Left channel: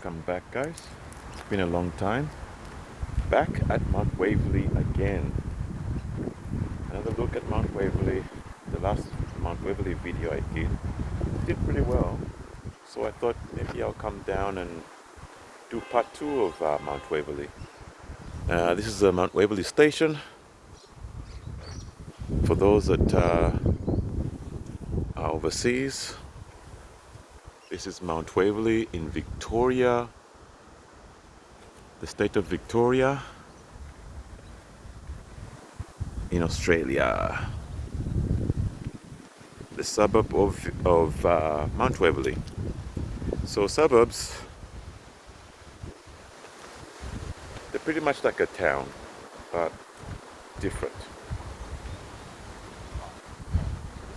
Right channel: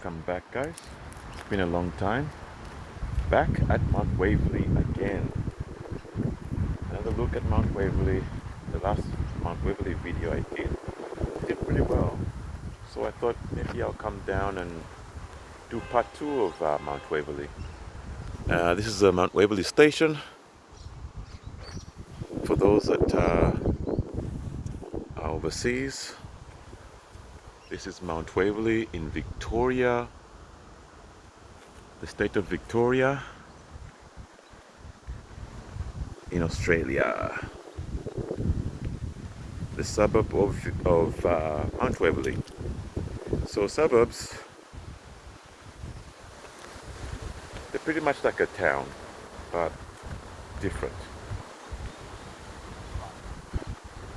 Welcome back, guys. It's been a long time. Back at Mount Waverley again. Another look at Mount Waverley. The last Mount Waverley video I did pretty well. So I thought maybe I'll come down and do part 2 of Mount Waverley. This is the Mount Waverley station. For those that are overseas, this is Mount Waverley in Victoria, the state of Victoria in Australia, the suburb of Mount Waverley. So suburbs, they're pretty much like a town, but different.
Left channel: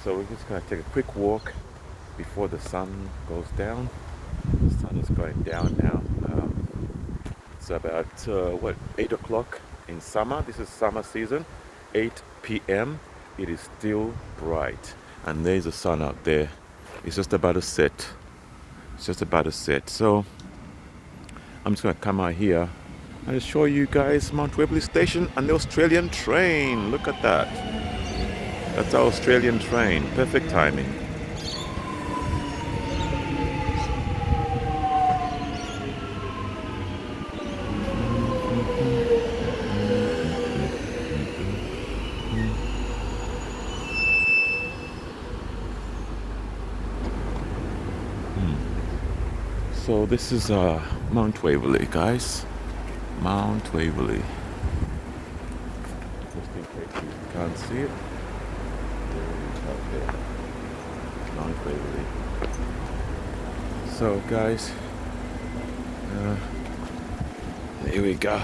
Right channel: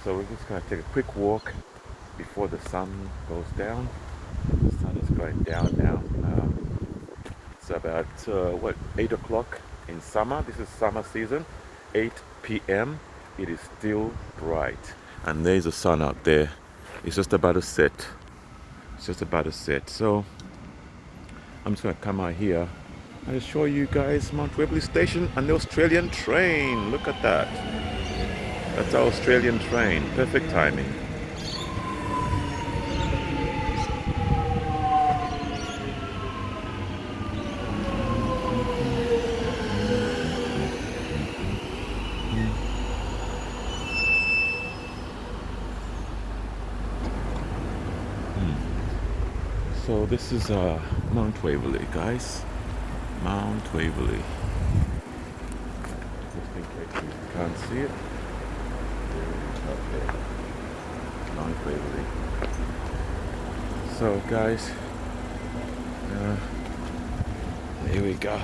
So we're just going to take a quick walk before the sun goes down. The sun is going down now. It's about 8 o'clock in summer. This is summer season. 8 p.m. It is still bright, and there's the sun out there. It's just about to set. So I'm just going to come out here and show you guys Mount Waverley Station and the Australian train. Look at that. That's our Australian train. Perfect timing. So this is Mount Waverley, guys. Mount Waverley. Just in case you can't see it, there it is out there. Mount Waverley. So guys, here we go.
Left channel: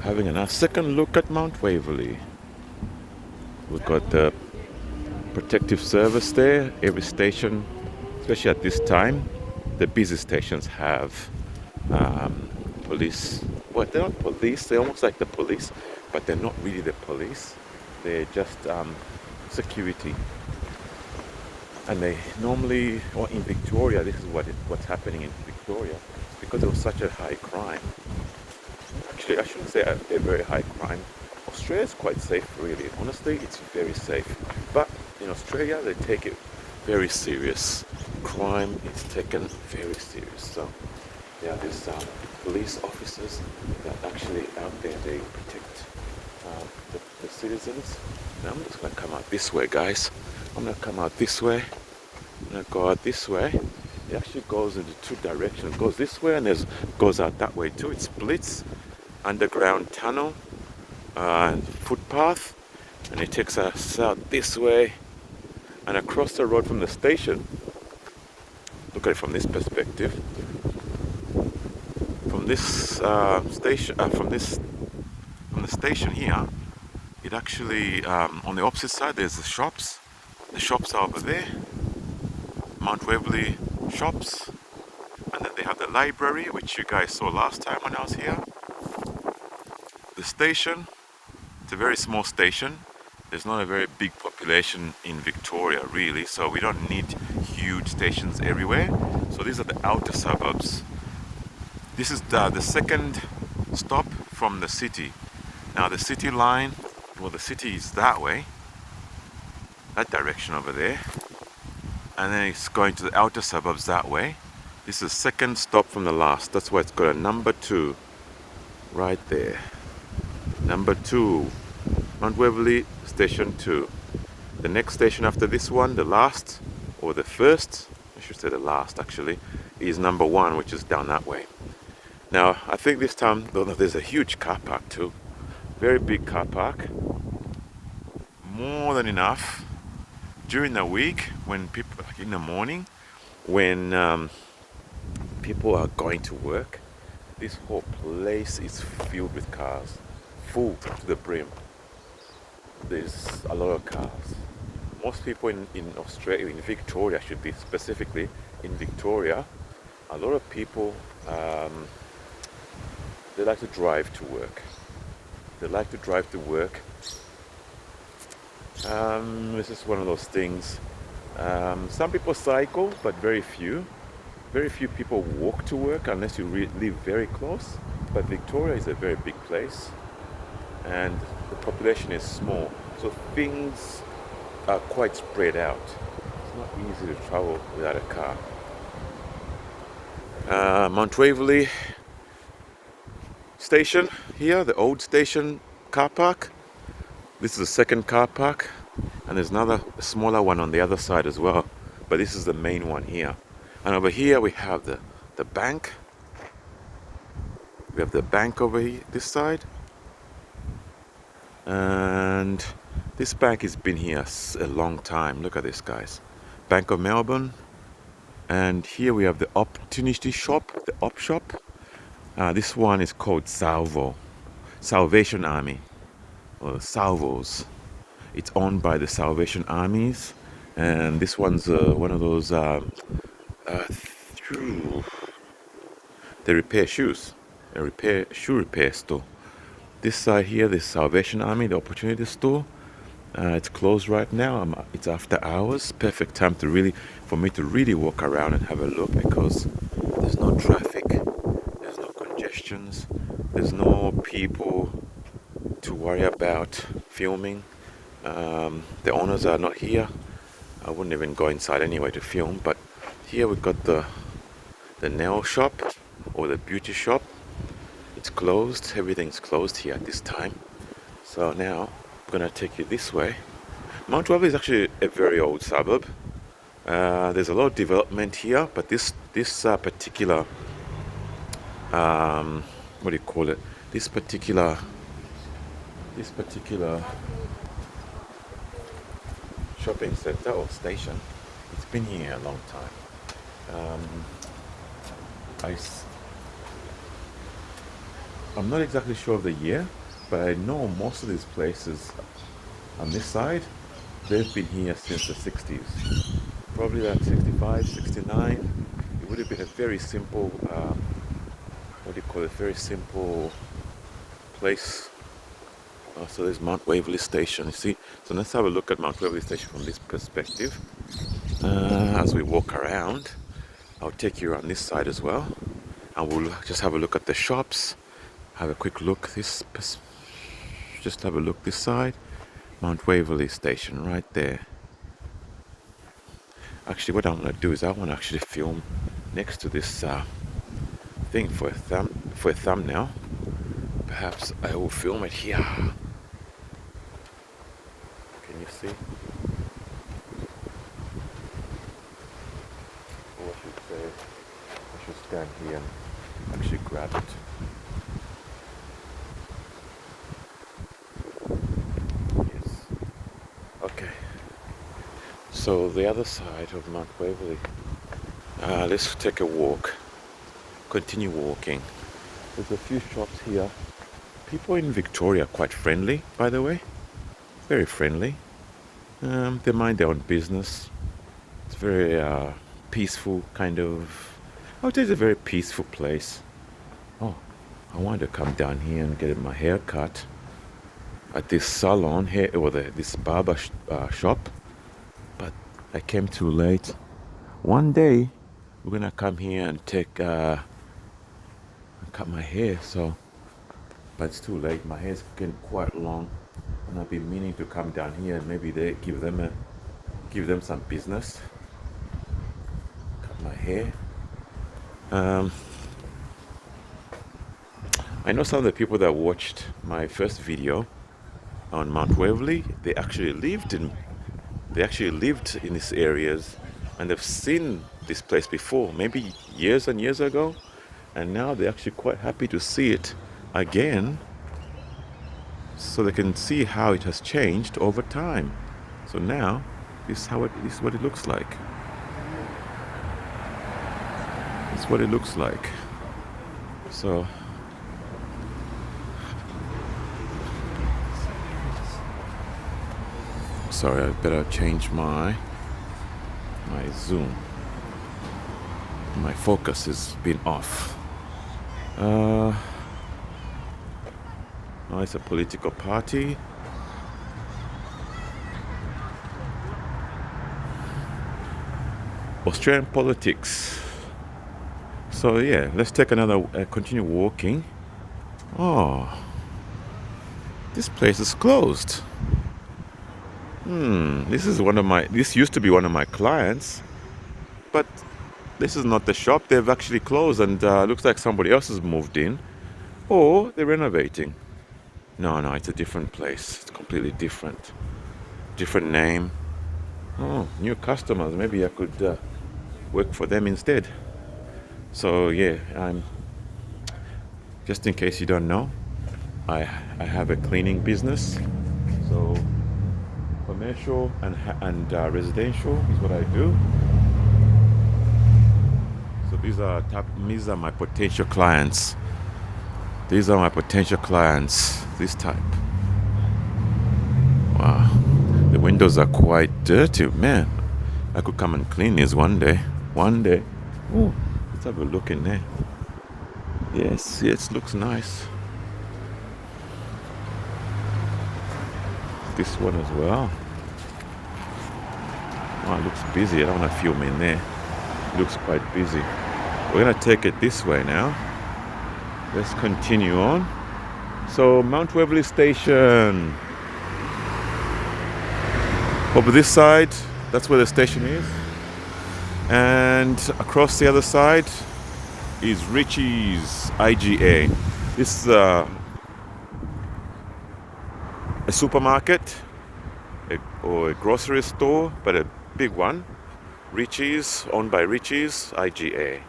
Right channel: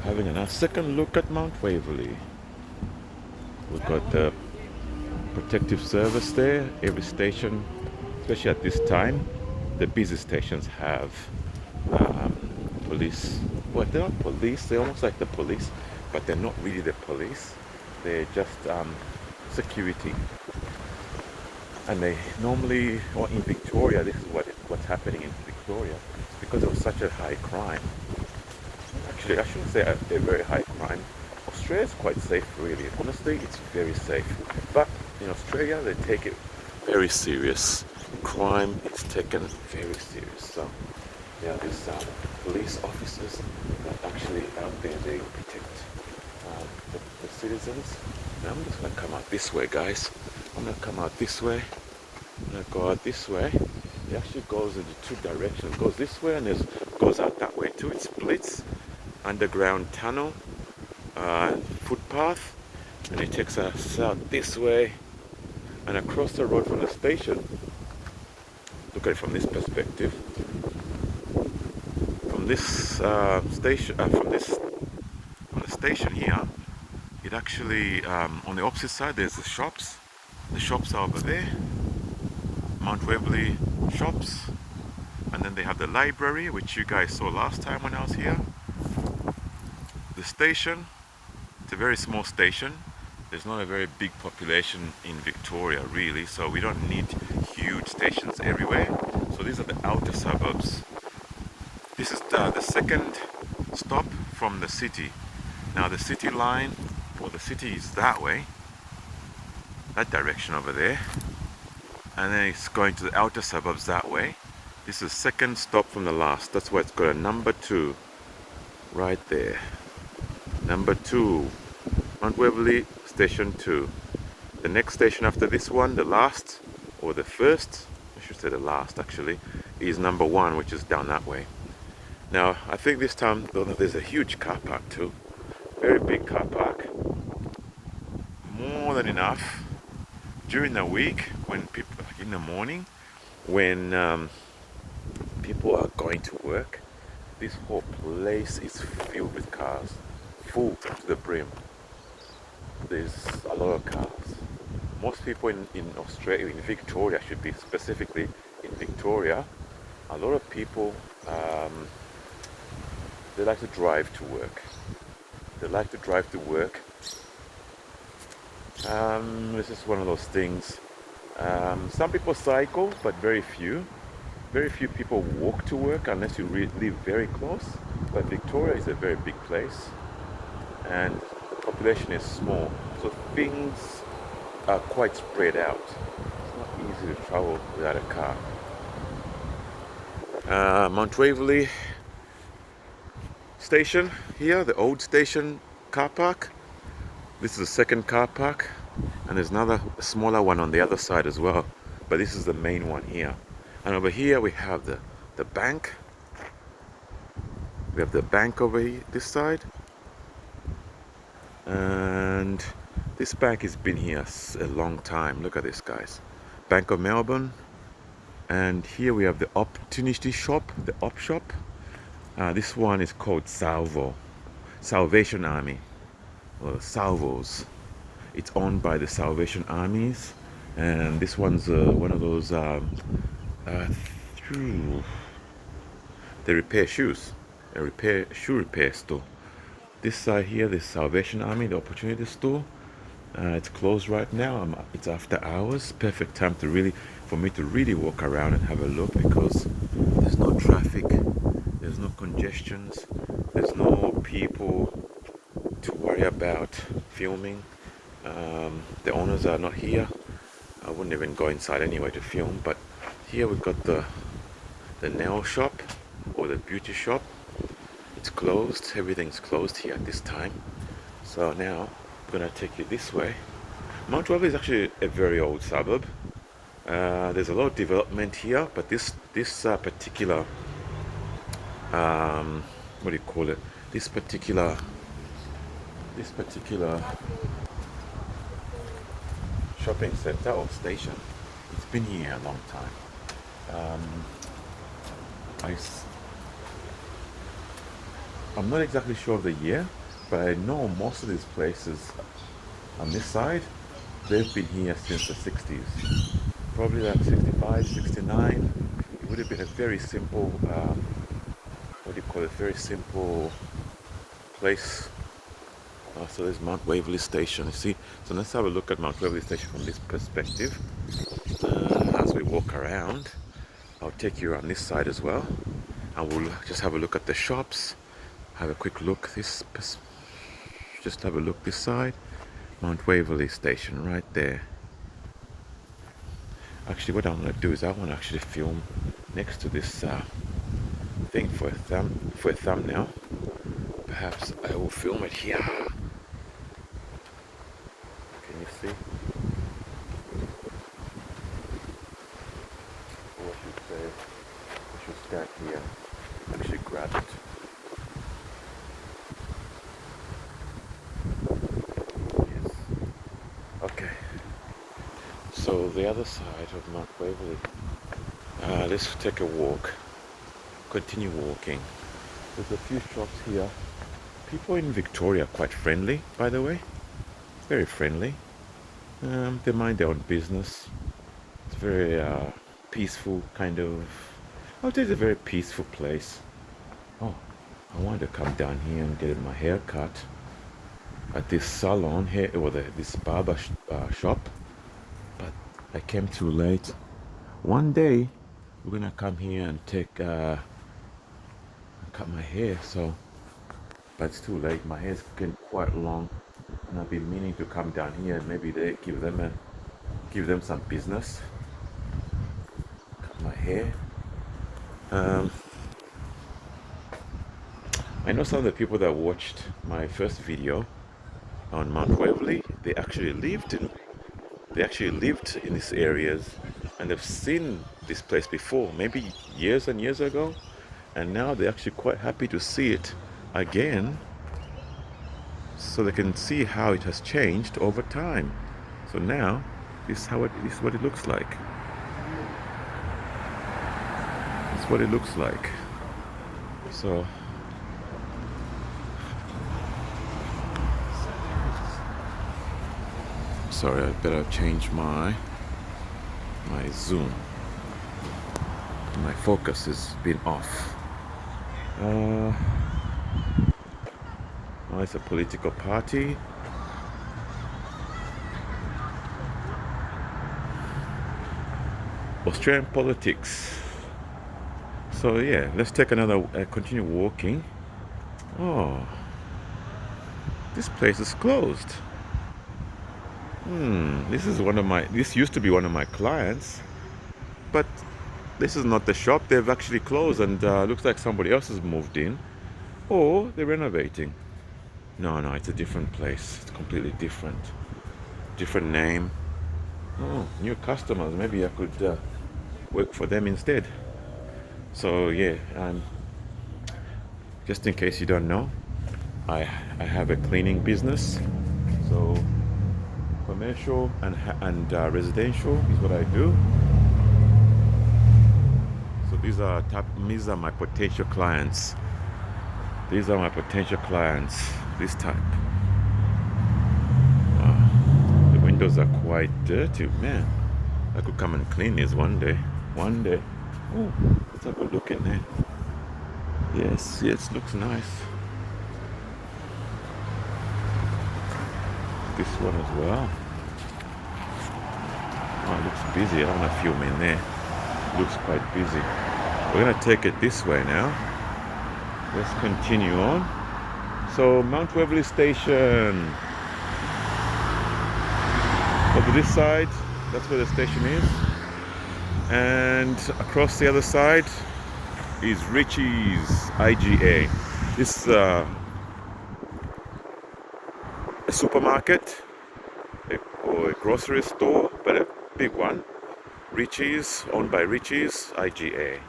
Having a second look at Mount Waverley. We've got the protective service there. Every station, especially at this time, the busy stations have police. Well, they're not police, they're almost like the police, but they're not really the police. They're just security. And they normally, or in Victoria, this is what's happening in Victoria, because there was such a high crime. Actually, I shouldn't say a very high crime. Australia is quite safe, really. Honestly, it's very safe. But in Australia, they take it very serious. Crime is taken very serious. So there are these police officers that actually out there, they protect the citizens. Now I'm just going to come out this way, guys. I'm going to come out this way. I'm going to go out this way. It actually goes into two directions. It goes this way and it goes out that way too. It splits. Underground tunnel, footpath, and it takes us out this way and across the road from the station. Look at it from this perspective. From this station, from the station here, it actually on the opposite side there's the shops. The shops are over there, Mount Waverley shops, and then they have the library, which you guys saw last time when I was here. The station, it's a very small station. There's not a very big population in Victoria, really, so we don't need huge stations everywhere. So these are the outer suburbs. This is the second stop from the city. Now the city line, well, the city is that way, that direction over there, and then it's going to the outer suburbs that way. This is the second stop from the last. That's why it's got a number 2 right there. Number 2, Mount Waverley Station 2. The next station after this one, the last, or the first, I should say the last actually, is number 1, which is down that way. Now, I think this time, though, there's a huge car park too. Very big car park. More than enough. During the week, when people, in the morning, when people are going to work, this whole place is filled with cars. Full to the brim. There's a lot of cars. Most people in Australia, in Victoria should be specifically, in Victoria, a lot of people, they like to drive to work. This is one of those things. Some people cycle, but very few. Very few people walk to work unless you live very close. But Victoria is a very big place, and the population is small, so things are quite spread out. It's not easy to travel without a car. Mount Waverley station here, the old station car park. This is the second car park, and there's another smaller one on the other side as well. But this is the main one here. And over here we have the bank. We have the bank over here, this side. And this bank has been here a long time. Look at this, guys. Bank of Melbourne. And here we have the Opportunity Shop, the Op Shop. This one is called Salvation Army, or Salvos. It's owned by the Salvation Armies, and this one's one of those they repair shoes, shoe repair store. This side here, the Salvation Army, the Opportunity Store. It's closed right now. It's after hours. Perfect time for me to really walk around and have a look, because there's no traffic, there's no congestions, there's no people to worry about filming. The owners are not here. I wouldn't even go inside anyway to film. But here we've got the nail shop, or the beauty shop. It's closed. Everything's closed here at this time. So now I'm gonna take you this way. Mount Waverley is actually a very old suburb. There's a lot of development here, but this particular what do you call it? This particular shopping center or station, it's been here a long time. I'm not exactly sure of the year, but I know most of these places on this side, they've been here since the 60s. Probably like 65, 69. It would have been a very simple, very simple place. So there's Mount Waverley Station, you see. So let's have a look at Mount Waverley Station from this perspective. As we walk around, I'll take you around this side as well. And we'll just have a look at the shops. Have a quick look just have a look this side. Mount Waverley Station right there. Actually, what I'm going to do is I want to actually film next to this thing for a thumbnail. Perhaps I will film it here. Can you see? Or I should stand here and actually grab it. Yes. Okay. So the other side of Mount Waverley. Let's take a walk. Continue walking. There's a few shops here. People in Victoria are quite friendly, by the way. Very friendly. They mind their own business. It's very peaceful kind of. I would say it's a very peaceful place. Oh, I wanted to come down here and get my hair cut at this salon here, or this barber shop, but I came too late. One day we're gonna come here and cut my hair. So, but it's too late. My hair's getting quite long, and I've been meaning to come down here and maybe they give them some business. Cut my hair. I know some of the people that watched my first video on Mount Waverley, they actually lived in these areas, and they've seen this place before, maybe years and years ago, and now they're actually quite happy to see it again, so they can see how it has changed over time. So now this is what it looks like. It's what it looks like. So sorry, I better change my zoom. My focus has been off. Oh, it's a political party. Australian politics. So yeah, let's take another, continue walking. Oh, this place is closed. This used to be one of my clients, but this is not the shop. They've actually closed, and looks like somebody else has moved in, or they're renovating. No, no, it's a different place. It's completely different. Different name. Oh, new customers. Maybe I could work for them instead. So yeah, just in case you don't know, I I have a cleaning business. So commercial and residential is what I do. So these are my potential clients. These are my potential clients. This type. Wow, the windows are quite dirty, man. I could come and clean these one day. One day. Ooh, let's have a look in there. Yes, yes, looks nice. This one as well. Oh, it looks busy. I don't want to film in there. It looks quite busy. We're gonna take it this way now. Let's continue on. So Mount Waverley Station. Over this side, that's where the station is. And across the other side is Richie's IGA. This is a supermarket or a grocery store, but a big one. Richie's, owned by Richie's IGA.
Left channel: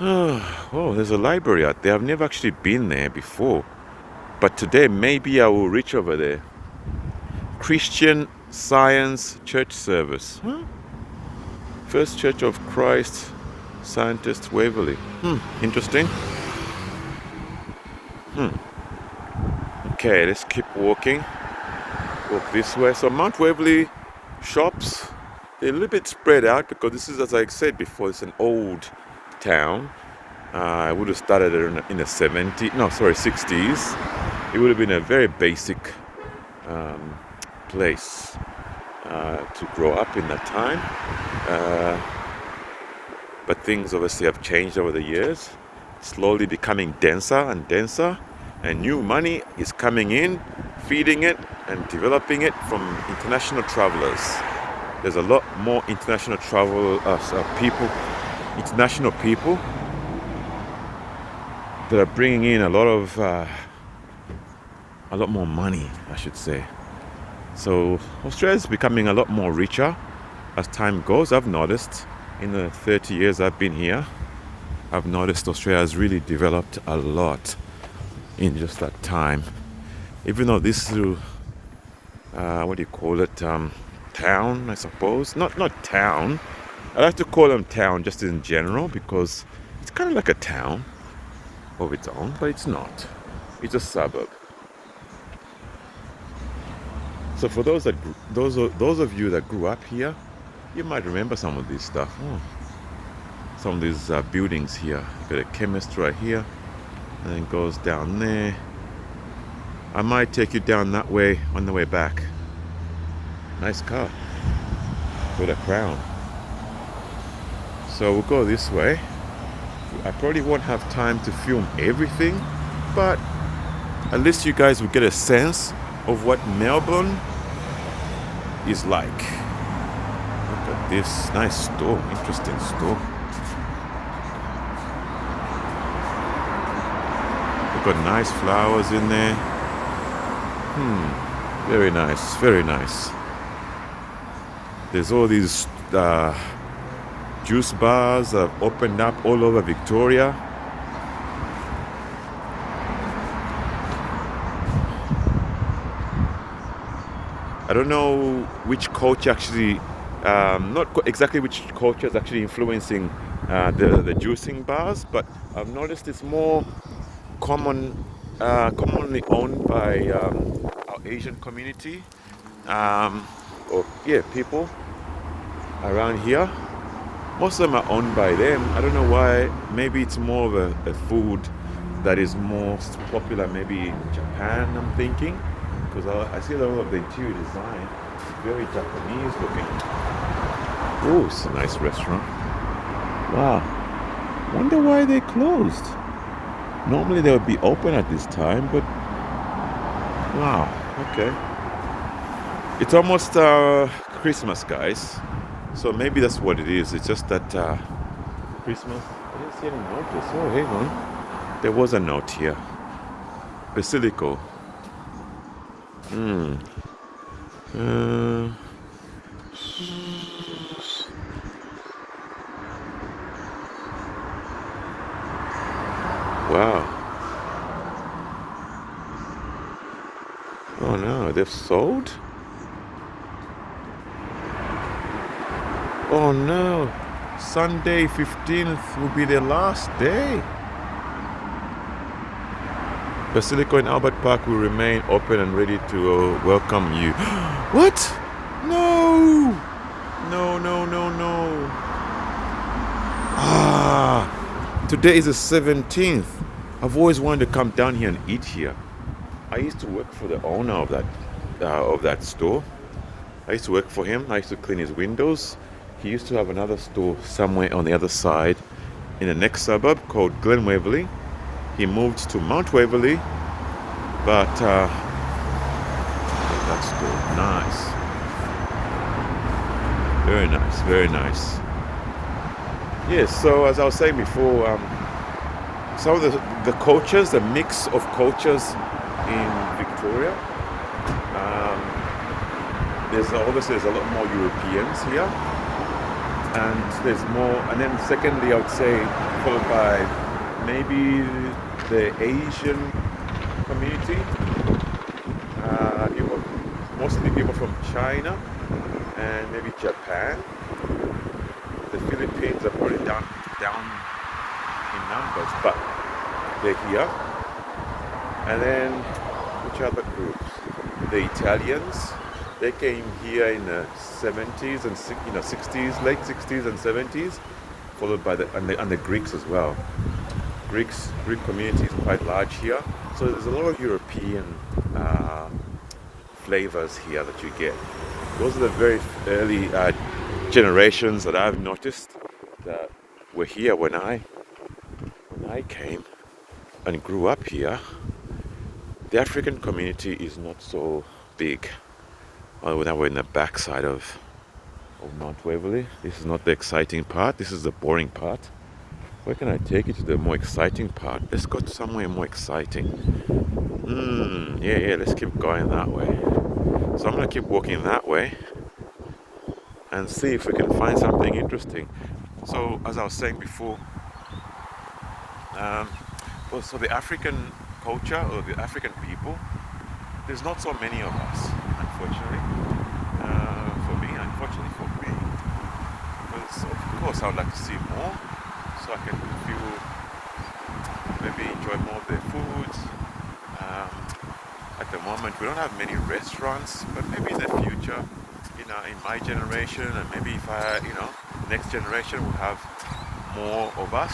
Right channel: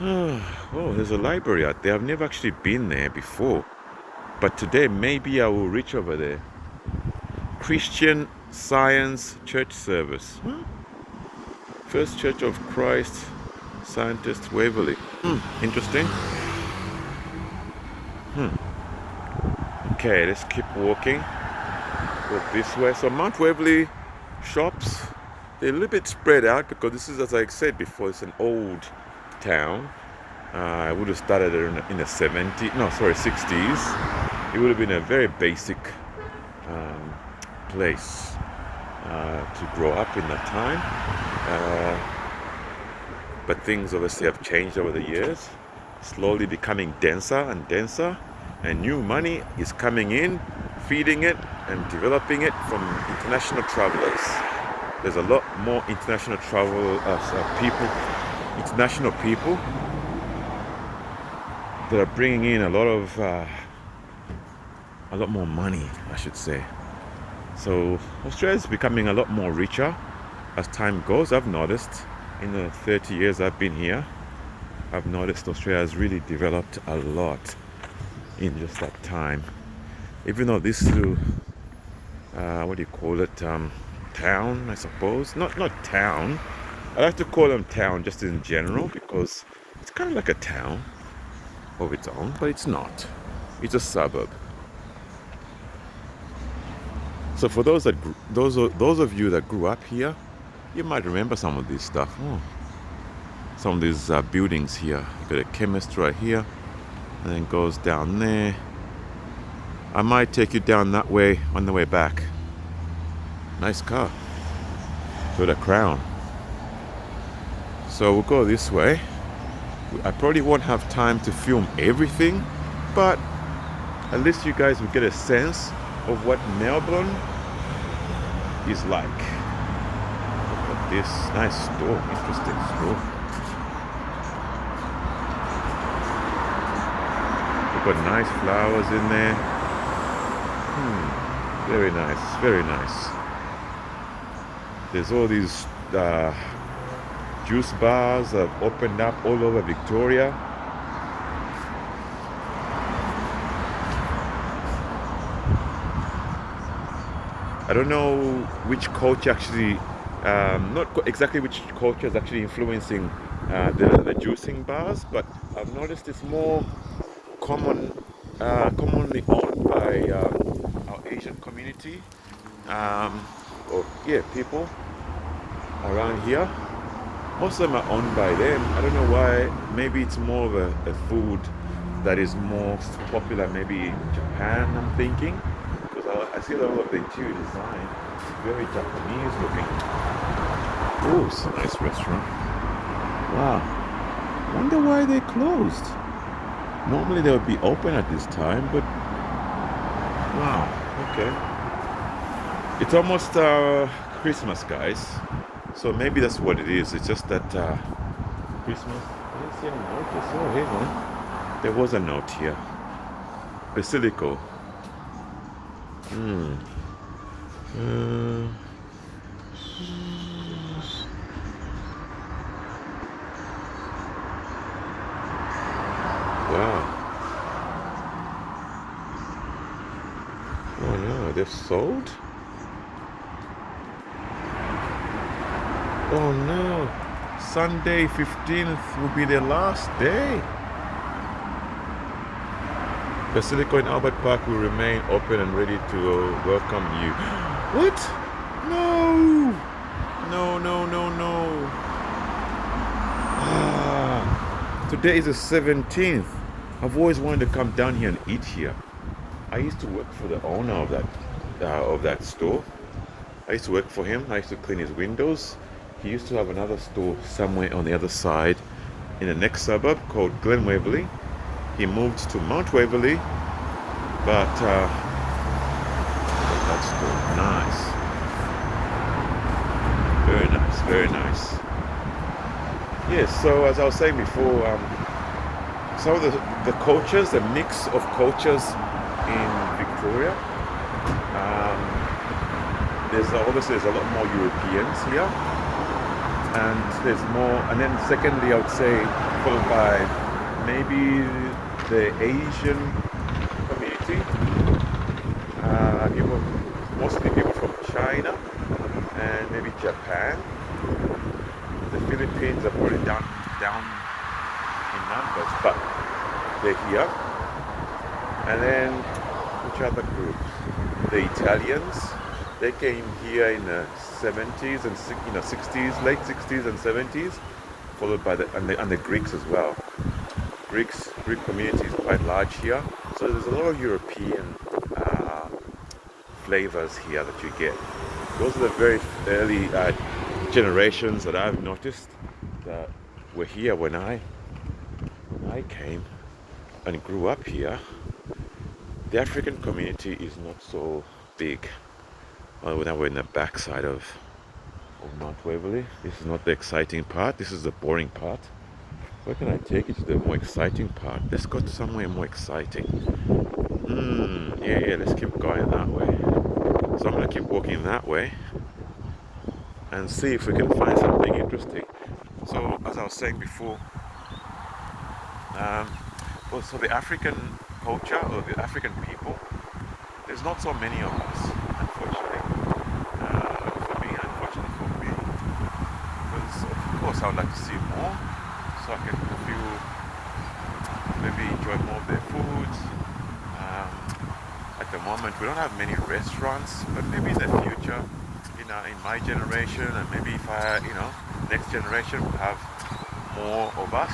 Oh, there's a library out there. I've never actually been there before, but today maybe I will reach over there. Christian Science Church Service. Huh? First Church of Christ Scientist Waverley. Interesting. Okay, let's keep walking. Walk this way. So Mount Waverley shops, they're a little bit spread out because this is, as I said before, it's an old town. I would have started it in the 60s. It would have been a very basic place to grow up in that time. But things obviously have changed over the years, slowly becoming denser and denser, and new money is coming in, feeding it and developing it from international travelers. There's a lot more international international people that are bringing in a lot more money, I should say. So Australia is becoming a lot more richer as time goes. I've noticed in the 30 years I've been here, I've noticed Australia has really developed a lot in just that time. Even though this is, what do you call it, town, I suppose. Not town. I like to call them town just in general because it's kind of like a town of its own, but it's not. It's a suburb. So for those of you that grew up here, you might remember some of this stuff. Oh, some of these buildings here. Got a chemist right here, and then goes down there. I might take you down that way on the way back. Nice car. Got a Crown. So we'll go this way. I probably won't have time to film everything, but at least you guys will get a sense of what Melbourne is like. Look at this nice store, interesting store. They've got nice flowers in there. Very nice, very nice. There's all these juice bars that have opened up all over Victoria. I don't know which culture actually, exactly which culture is actually influencing the juicing bars, but I've noticed it's more commonly owned by our Asian community, people around here. Most of them are owned by them. I don't know why. Maybe it's more of a food that is more popular maybe in Japan, I'm thinking. Because I see a lot of the interior design, very Japanese looking. Ooh, it's a nice restaurant. Wow. Wonder why they closed. Normally they would be open at this time, but wow, okay. It's almost Christmas, guys. So maybe that's what it is. It's just that Christmas. I didn't see any notice. Oh, hey man, there was a note here. Basilico. Hmm. Uh, wow. Oh no, they've sold? Oh no. Sunday 15th will be their last day. Basilico in Albert Park will remain open and ready to welcome you. What? No! No, no, no, no. Ah, today is the 17th. I've always wanted to come down here and eat here. I used to work for the owner of that store. I used to work for him. I used to clean his windows. He used to have another store somewhere on the other side in the next suburb called Glen Waverley. He moved to Mount Waverley, but that store, nice. Very nice, very nice. Yes, so as I was saying before, some of the cultures, the mix of cultures in Victoria, obviously there's a lot more Europeans here, and there's more, and then secondly I would say followed by maybe the Asian community, mostly people from China and maybe Japan. The Philippines are probably down in numbers, but they're here. And then which other groups? The Italians. They came here in the 70s and 60s, late 60s and 70s, followed by the Greeks as well. Greek community is quite large here, so there's a lot of European flavors here that you get. Those are the very early generations that I've noticed that were here when I came and grew up here. The African community is not so big. Well, now we're in the backside of Mount Waverley. This is not the exciting part. This is the boring part. Where can I take you to the more exciting part? Let's go to somewhere more exciting. Yeah, let's keep going that way. So I'm gonna keep walking that way and see if we can find something interesting. So as I was saying before, so the African culture or the African people, there's not so many of us, unfortunately. Unfortunately for me, because of course I would like to see more, so I can feel, maybe enjoy more of their foods. At the moment, we don't have many restaurants, but maybe in the future, in my generation, and maybe if next generation will have more of us,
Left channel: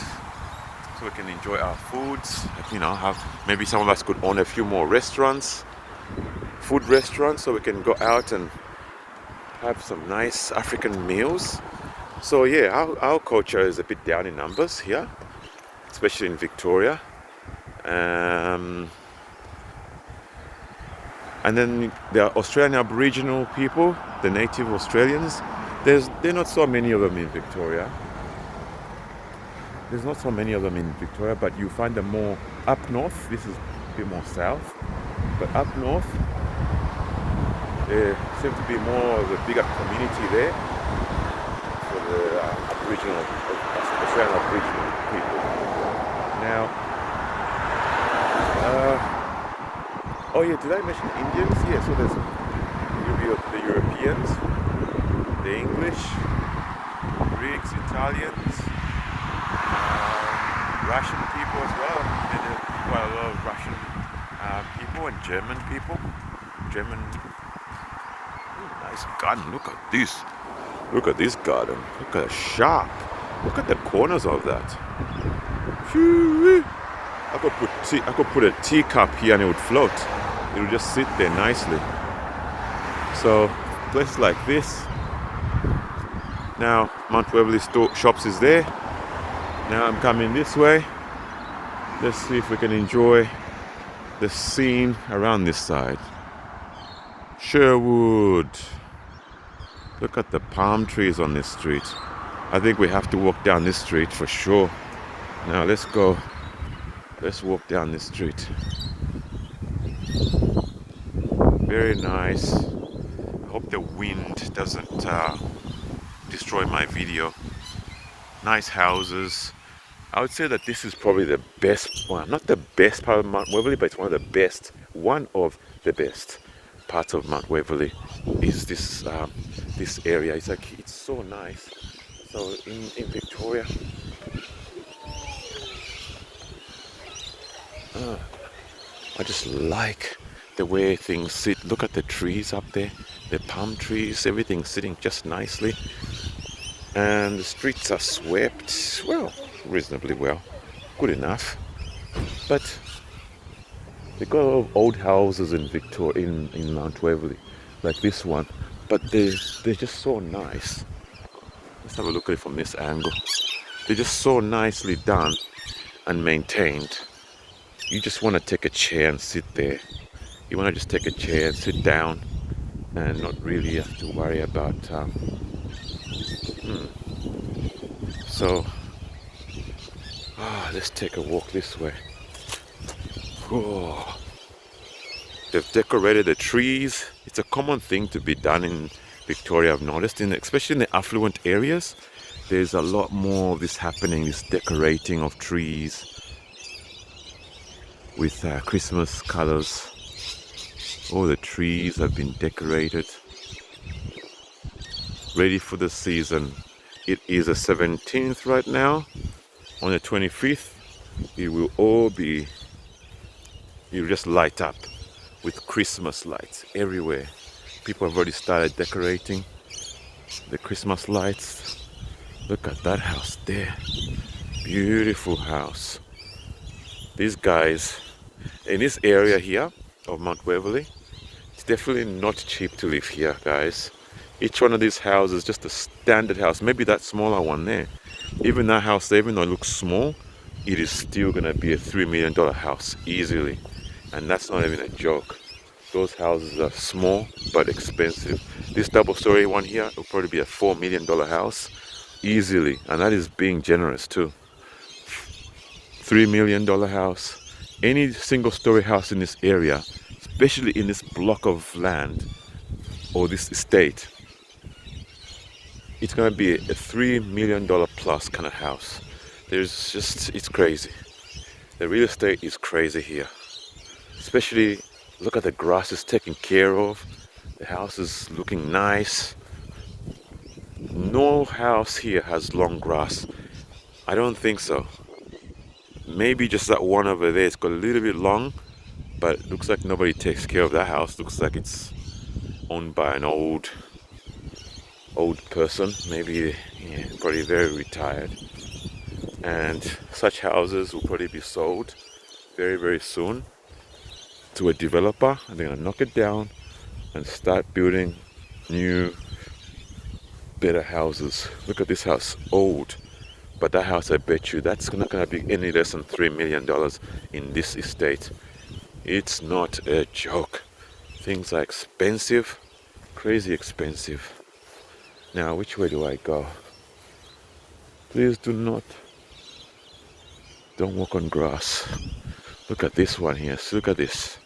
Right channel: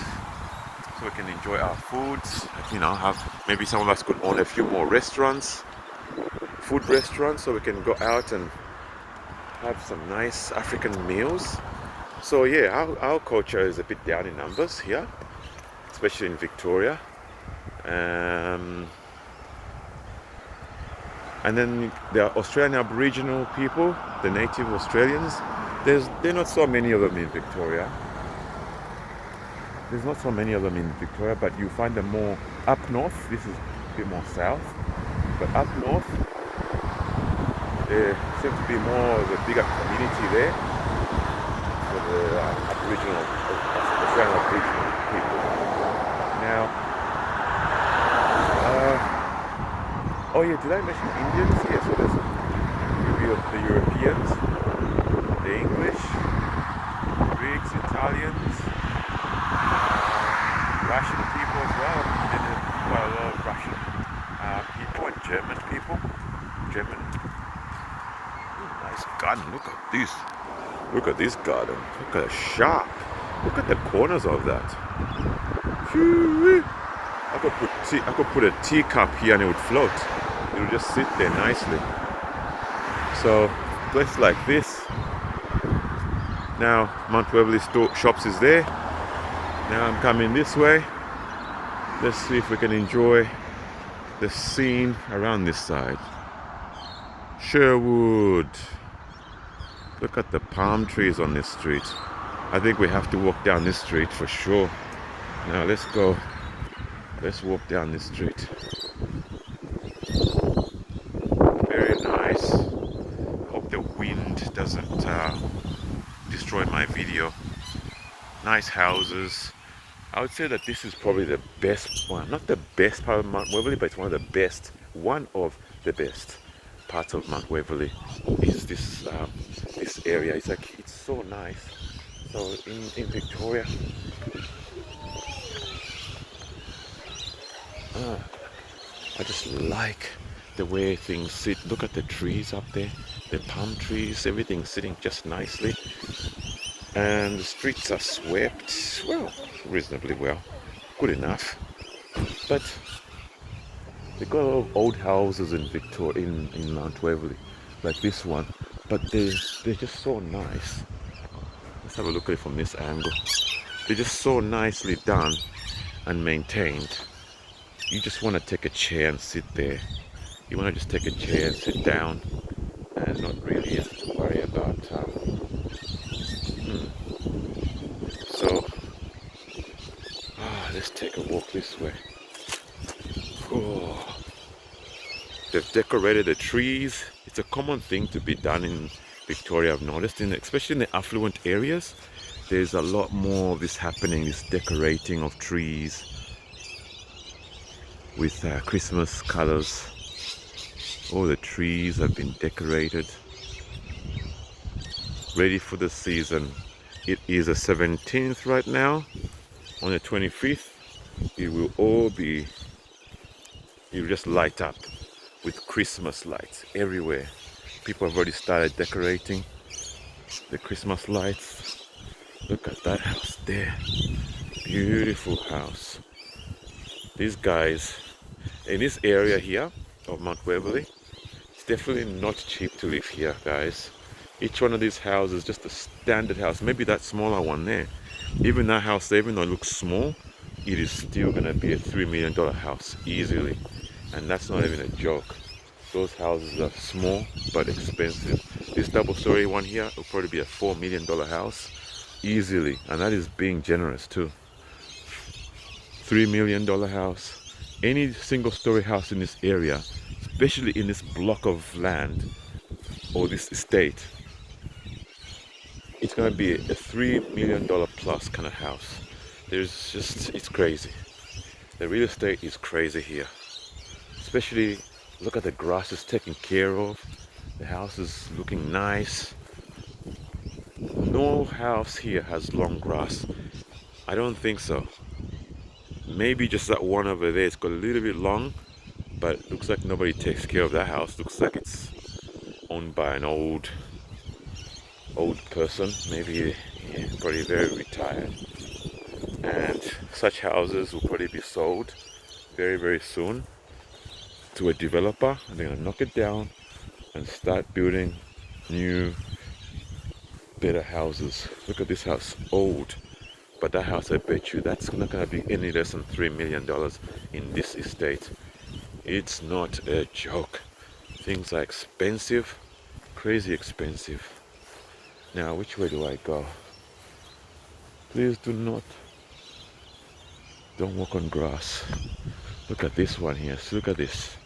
so we can enjoy our foods. Have maybe some of us could own a few more restaurants, food restaurants, so we can go out and have some nice African meals. So yeah, our culture is a bit down in numbers here, especially in Victoria. And then there are Australian Aboriginal people, the native Australians. There are not so many of them in Victoria. There's not so many of them in Victoria, but you find them more up north. This is a bit more south. But up north, there seems to be more of a bigger community there for the Australian Aboriginal people. Now, oh yeah, did I mention Indians? Yeah, so there's the Europeans, the English, Greeks, Italians, Russian people as well. There's quite a lot of Russian people and German people. Nice garden. Look at this. Look at this garden. Look at a shark. Look at the corners of that. I could put a teacup here and it would float. It would just sit there nicely. So, places like this. Now, Mount Waverley shops is there. Now I'm coming this way. Let's see if we can enjoy the scene around this side. Sherwood. Look at the palm trees on this street. I think we have to walk down this street for sure. Now let's go. Let's walk down this street. Very nice. Hope the wind doesn't destroy my video. Nice houses. I would say that this is probably the best one. Not the best part of Mount Waverley, but it's one of the best. One of the best parts of Mount Waverley is this this area. It's like it's so nice. So in Victoria, I just like the way things sit. Look at the trees up there, the palm trees, everything sitting just nicely. And the streets are swept, well, reasonably well, good enough. But they got a lot of old houses in Victoria, in Mount Waverley, like this one. But they're just so nice. Let's have a look at it from this angle. They're just so nicely done and maintained. You just want to take a chair and sit there. You want to just take a chair and sit down and not really have to worry about So let's take a walk this way. Oh, they've decorated the trees. It's a common thing to be done in Victoria, I've noticed, especially in the affluent areas. There's a lot more of this happening, this decorating of trees with Christmas colors. All the trees have been decorated, ready for the season. It is the 17th right now. On the 25th, it will all be, you just light up with Christmas lights everywhere. People have already started decorating the Christmas lights. Look at that house there. Beautiful house. These guys, in this area here of Mount Waverley, it's definitely not cheap to live here, guys. Each one of these houses, just a standard house, maybe that smaller one there. Even that house, even though it looks small, it is still gonna be a $3 million house, easily. And that's not even a joke. Those houses are small, but expensive. This double-story one here will probably be a $4 million house, easily. And that is being generous too. $3 million house. Any single-story house in this area, especially in this block of land, or this estate, it's going to be a $3 million plus kind of house. There's just, it's crazy. The real estate is crazy here. Especially, look at the grass is taken care of. The house is looking nice. No house here has long grass. I don't think so. Maybe just that one over there, it's got a little bit long, but it looks like nobody takes care of that house. Looks like it's owned by an old person, maybe probably very retired. And such houses will probably be sold very, very soon to a developer, and they're gonna knock it down and start building new, better houses. Look at this house, old, but that house, I bet you, that's not gonna be any less than $3 million in this estate. It's not a joke. Things are expensive, crazy expensive. Now, which way do I go? Please don't walk on grass. Look at this one here. Look at this.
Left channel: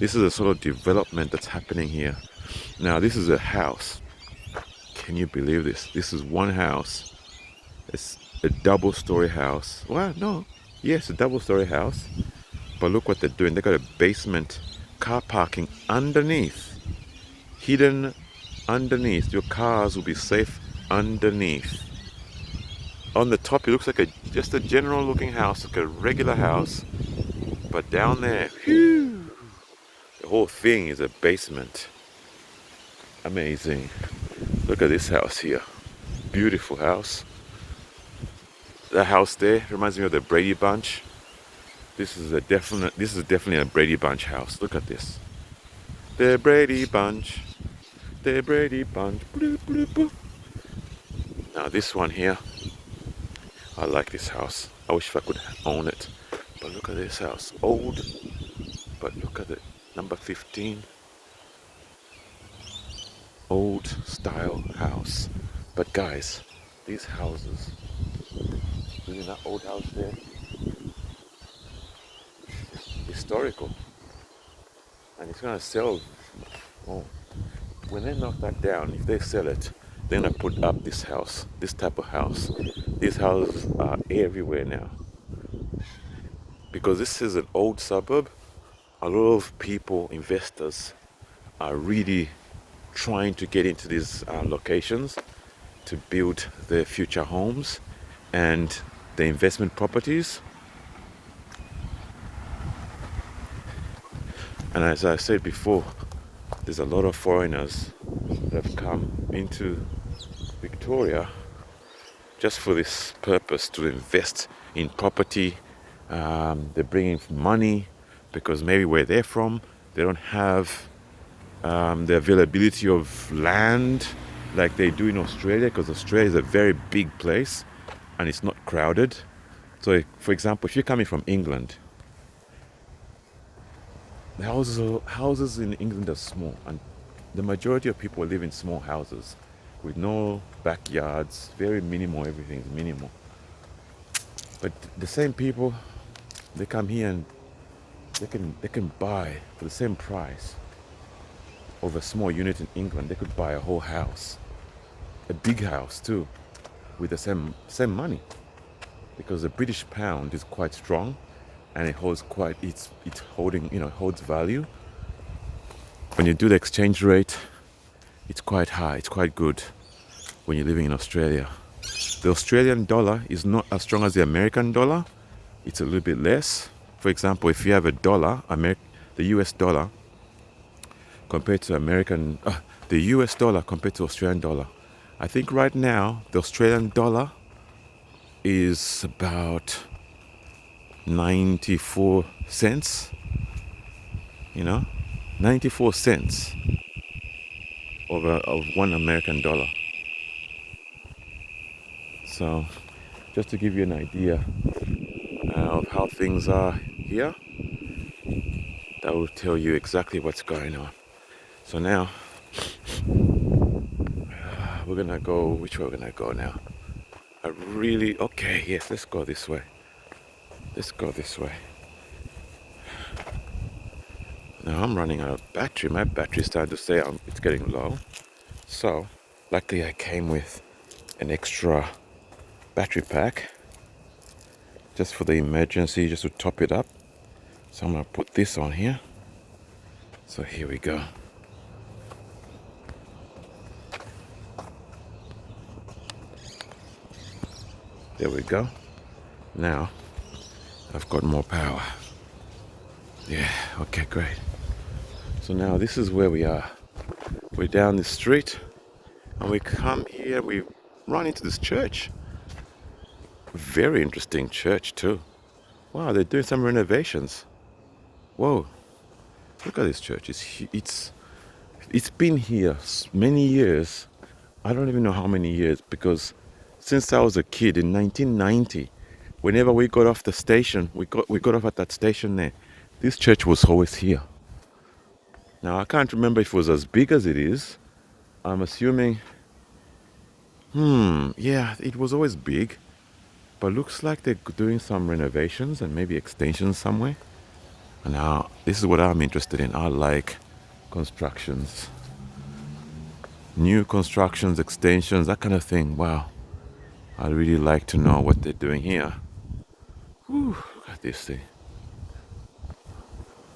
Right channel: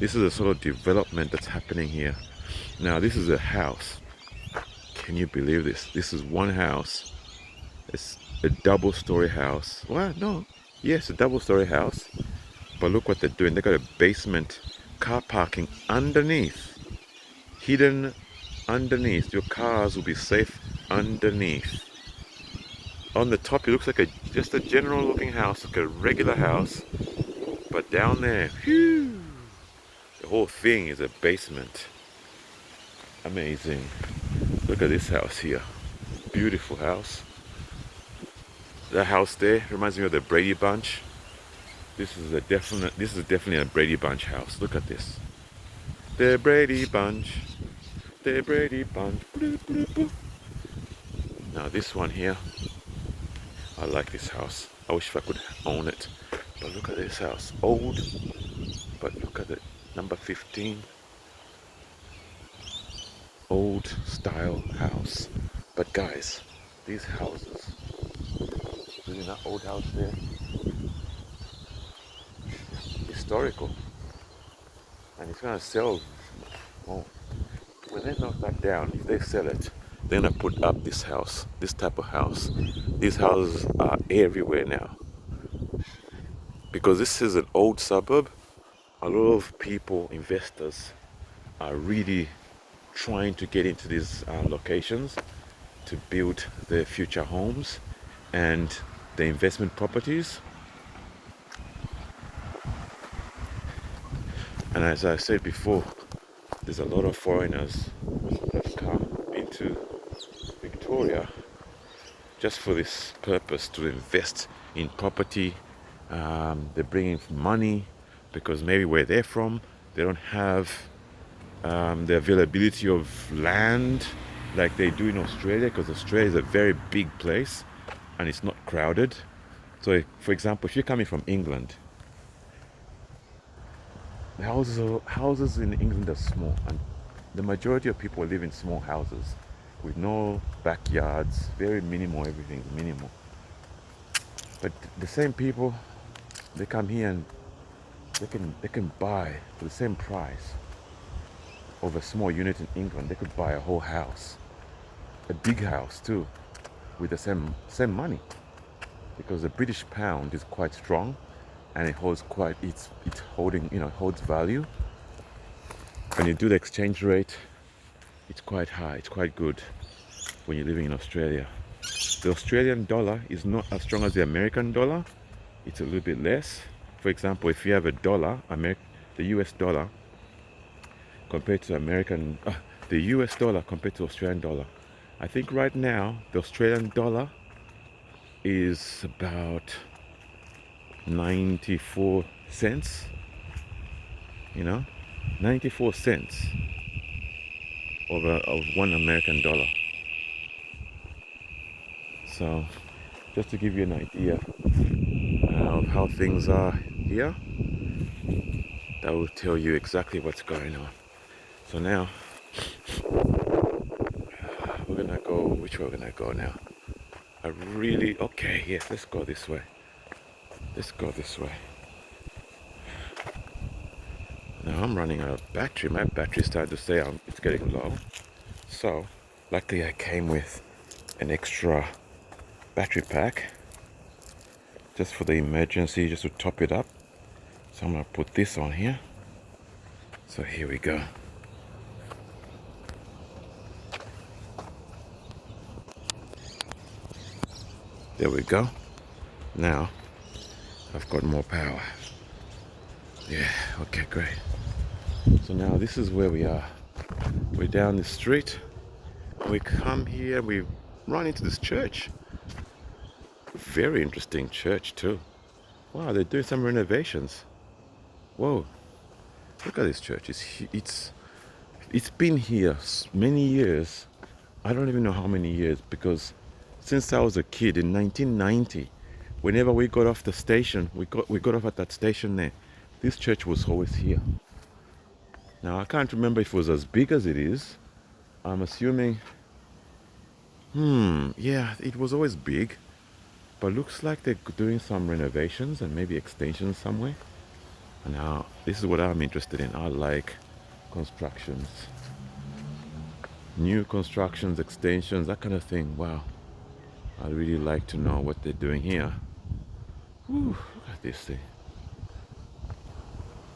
This is a sort of development that's happening here. Now, this is a house. Can you believe this? This is one house. It's a double-story house. Well, no. Yes, a double-story house. But look what they're doing. They got a basement car parking underneath. Hidden underneath. Your cars will be safe underneath. On the top, it looks like just a general looking house, like a regular house. But down there, whew, the whole thing is a basement. Amazing. Look at this house here. Beautiful house. That house there reminds me of the Brady Bunch. This is definitely a Brady Bunch house. Look at this. The Brady Bunch. The Brady Bunch. Now this one here, I like this house. I wish if I could own it. But look at this house. Old, but look at it. Number 15. Old style house. But guys, these houses, isn't that old house there? Historical. And it's gonna sell. Oh, when they knock that down, if they sell it, they're gonna put up this house, this type of house. These houses are everywhere now. Because this is an old suburb, a lot of people, investors, are really trying to get into these locations to build their future homes and the investment properties. And as I said before, there's a lot of foreigners that have come into Victoria just for this purpose, to invest in property. They're bringing money because maybe where they're from, they don't have the availability of land like they do in Australia, because Australia is a very big place and it's not crowded. So, for example, if you're coming from England, houses in England are small, and the majority of people live in small houses with no backyards, very minimal, everything is minimal. But the same people, they come here and they can buy for the same price of a small unit in England. They could buy a whole house, a big house too, with the same money, because the British pound is quite strong, and it holds quite it's holding, holds value. When you do the exchange rate, it's quite high, it's quite good when you're living in Australia. The Australian dollar is not as strong as the American dollar. It's a little bit less. For example, if you have a dollar, the US dollar compared to the US dollar compared to Australian dollar, I think right now the Australian dollar is about 94 cents. 94 cents of one American dollar. So, just to give you an idea of how things are here, that will tell you exactly what's going on. So now, we're gonna go, which way we're gonna go now? Okay, yes, let's go this way. Let's go this way. Now I'm running out of battery. My battery's starting to say it's getting low. So, luckily I came with an extra battery pack just for the emergency, just to top it up. So I'm gonna put this on here. So here we go. There we go. Now I've got more power. Yeah, okay, great. So now this is where we are. We're down the street and we come here, we run into this church. Very interesting church too. Wow, they're doing some renovations. Whoa, look at this church. It's been here many years. I don't even know how many years, because since I was a kid in 1990, whenever we got off the station, we got off at that station there. This church was always here. Now I can't remember if it was as big as it is. I'm assuming, yeah, it was always big, but looks like they're doing some renovations and maybe extensions somewhere. And now this is what I'm interested in. I like constructions, new constructions, extensions, that kind of thing. Wow, I'd really like to know what they're doing here. Whew, look at this thing.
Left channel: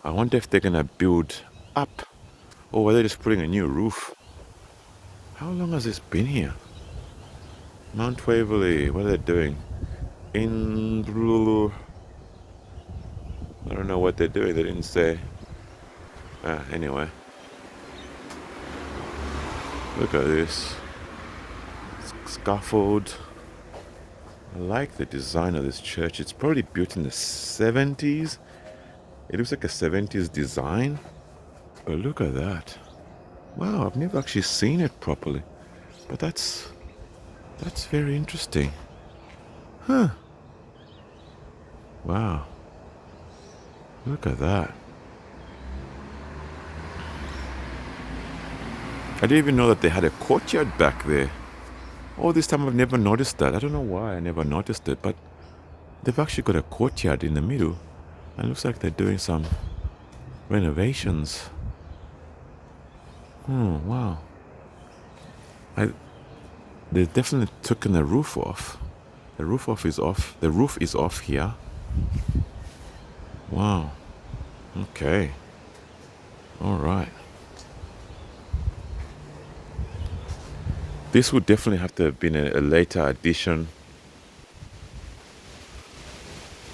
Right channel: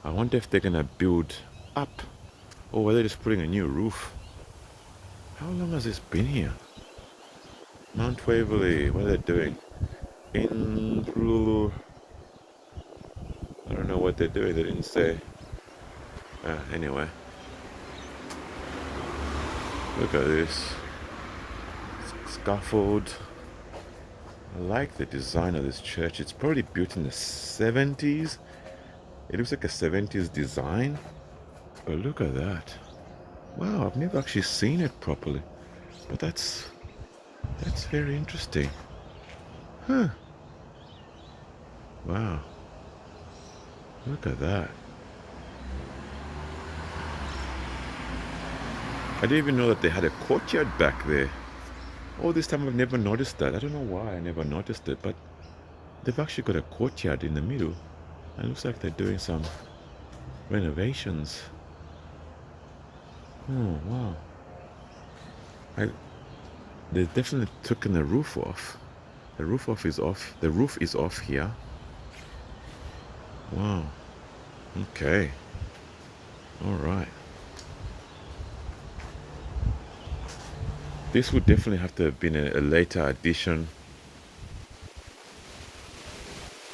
I wonder if they're gonna build up, or whether they're just putting a new roof. How long has this been here? Mount Waverlery, what are they doing? I don't know what they're doing, they didn't say. Anyway. Look at this. Scaffold. I like the design of this church. It's probably built in the 70s. It looks like a 70s design. But look at that. Wow, I've never actually seen it properly. But that's very interesting. Huh. Wow. Look at that. I didn't even know that they had a courtyard back there. All this time I've never noticed that. I don't know why I never noticed it, but they've actually got a courtyard in the middle. And it looks like they're doing some renovations. Oh, wow. I, they definitely taken the roof off. The roof off is off. The roof is off here. Wow. Okay. All right. This would definitely have to have been a later addition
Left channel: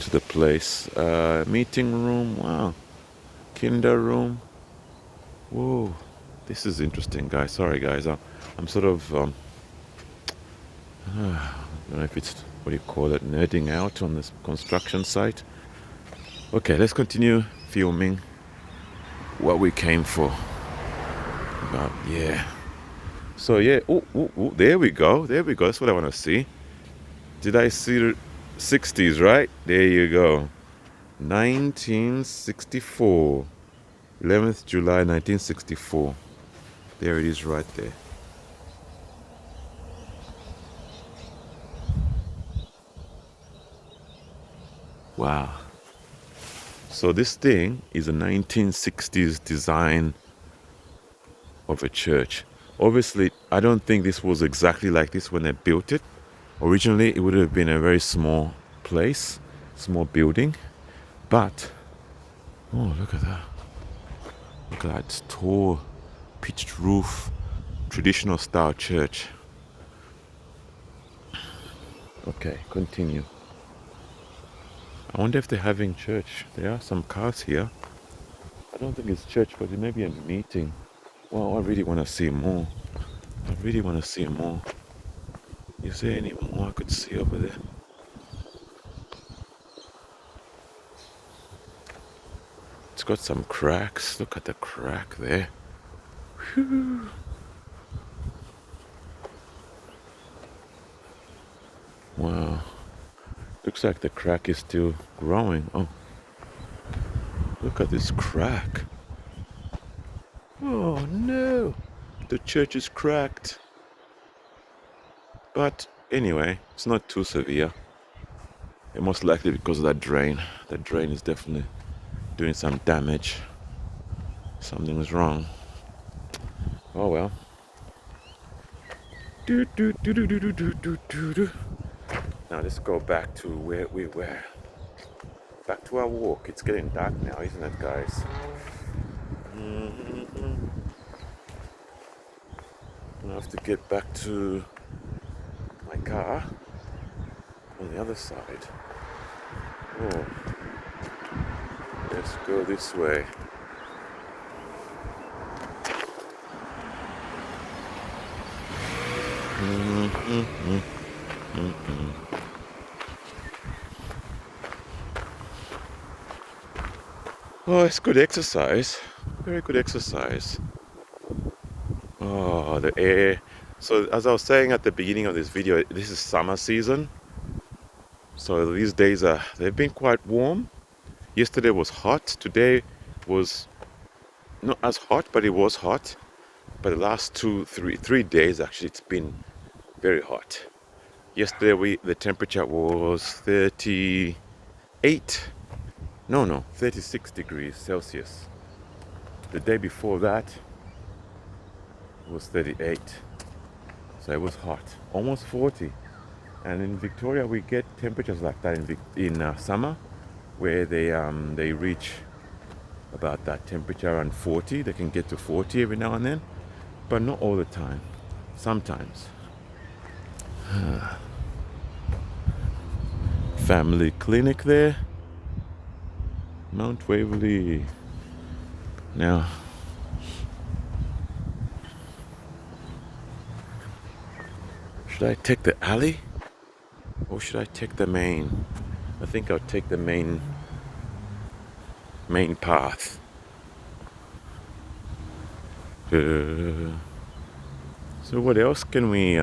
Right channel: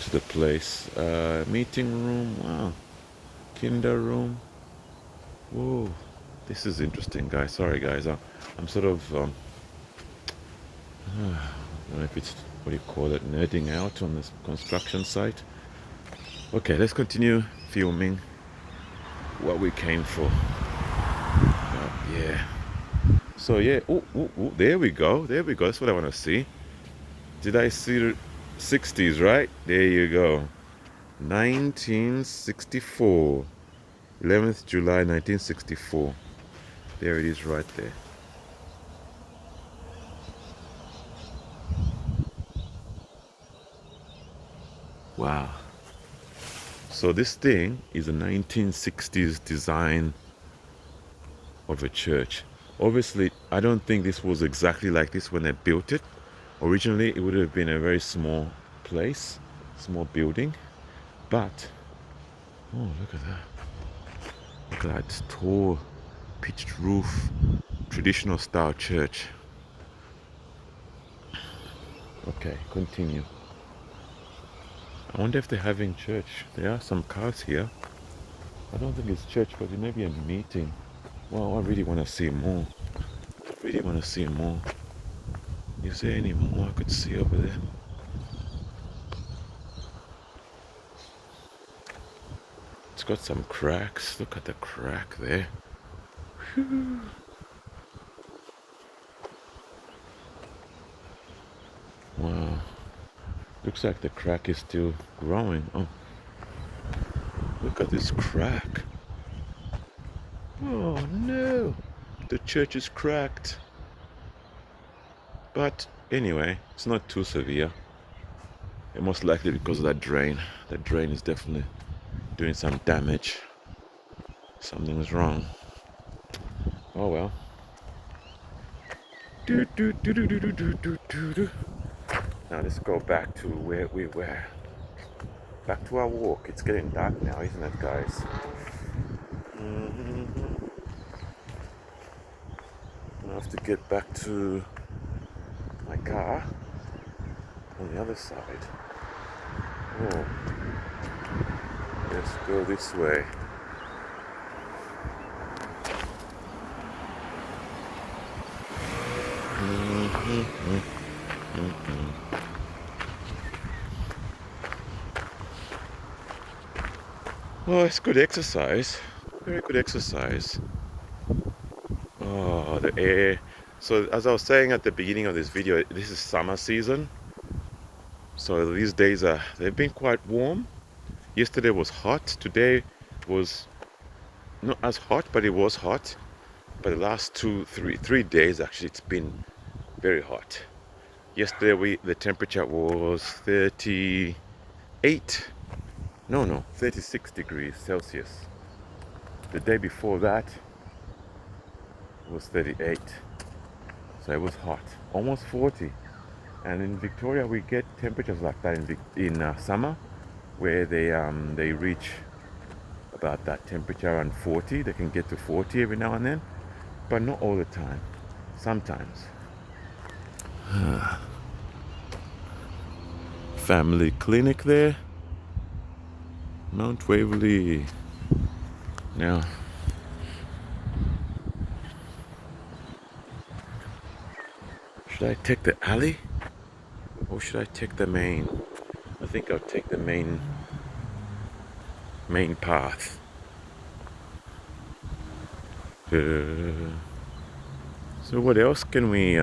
to the place. Meeting room. Wow. Kinder room. Whoa. This is interesting, guys. Sorry, guys. I'm sort of, I don't know if it's, what do you call it, nerding out on this construction site. Okay, let's continue filming what we came for. Yeah. So yeah, there we go. There we go. That's what I want to see. Did I see the 60s, right? There you go. 1964. 11th July 1964. There it is right there. Wow. So this thing is a 1960s design of a church. Obviously, I don't think this was exactly like this when they built it. Originally, it would have been a very small place, small building. But, oh, look at that. Look at that tall, pitched roof, traditional style church. Okay, continue. I wonder if they're having church. There are some cars here. I don't think it's church, but it may be a meeting. Oh, I really want to see more. I really want to see more. Is there any more I could see over there? It's got some cracks. Look at the crack there. Wow. Looks like the crack is still growing. Oh, look at this crack. Oh no, the church is cracked. But anyway, it's not too severe. And most likely because of that drain. The drain is definitely doing some damage. Something's wrong. Oh well. Now let's go back to where we were. Back to our walk. It's getting dark now, isn't it, guys? I have to get back to my car on the other side. Oh, let's go this way. Oh, it's good exercise. Very good exercise. Oh, the air. So as I was saying at the beginning of this video, this is summer season. So these days they've been quite warm. Yesterday was hot. Today was not as hot, but it was hot. But the last 3 days actually it's been very hot. Yesterday the temperature was 38. No, 36 degrees Celsius. The day before that was 38. So it was hot, almost 40. And in Victoria, we get temperatures like that in summer, where they reach about that temperature around 40. They can get to 40 every now and then, but not all the time. Sometimes. Family clinic there, Mount Waverlery. Now, should I take the alley? Or should I take the main? I think I'll take the main path. So what else can we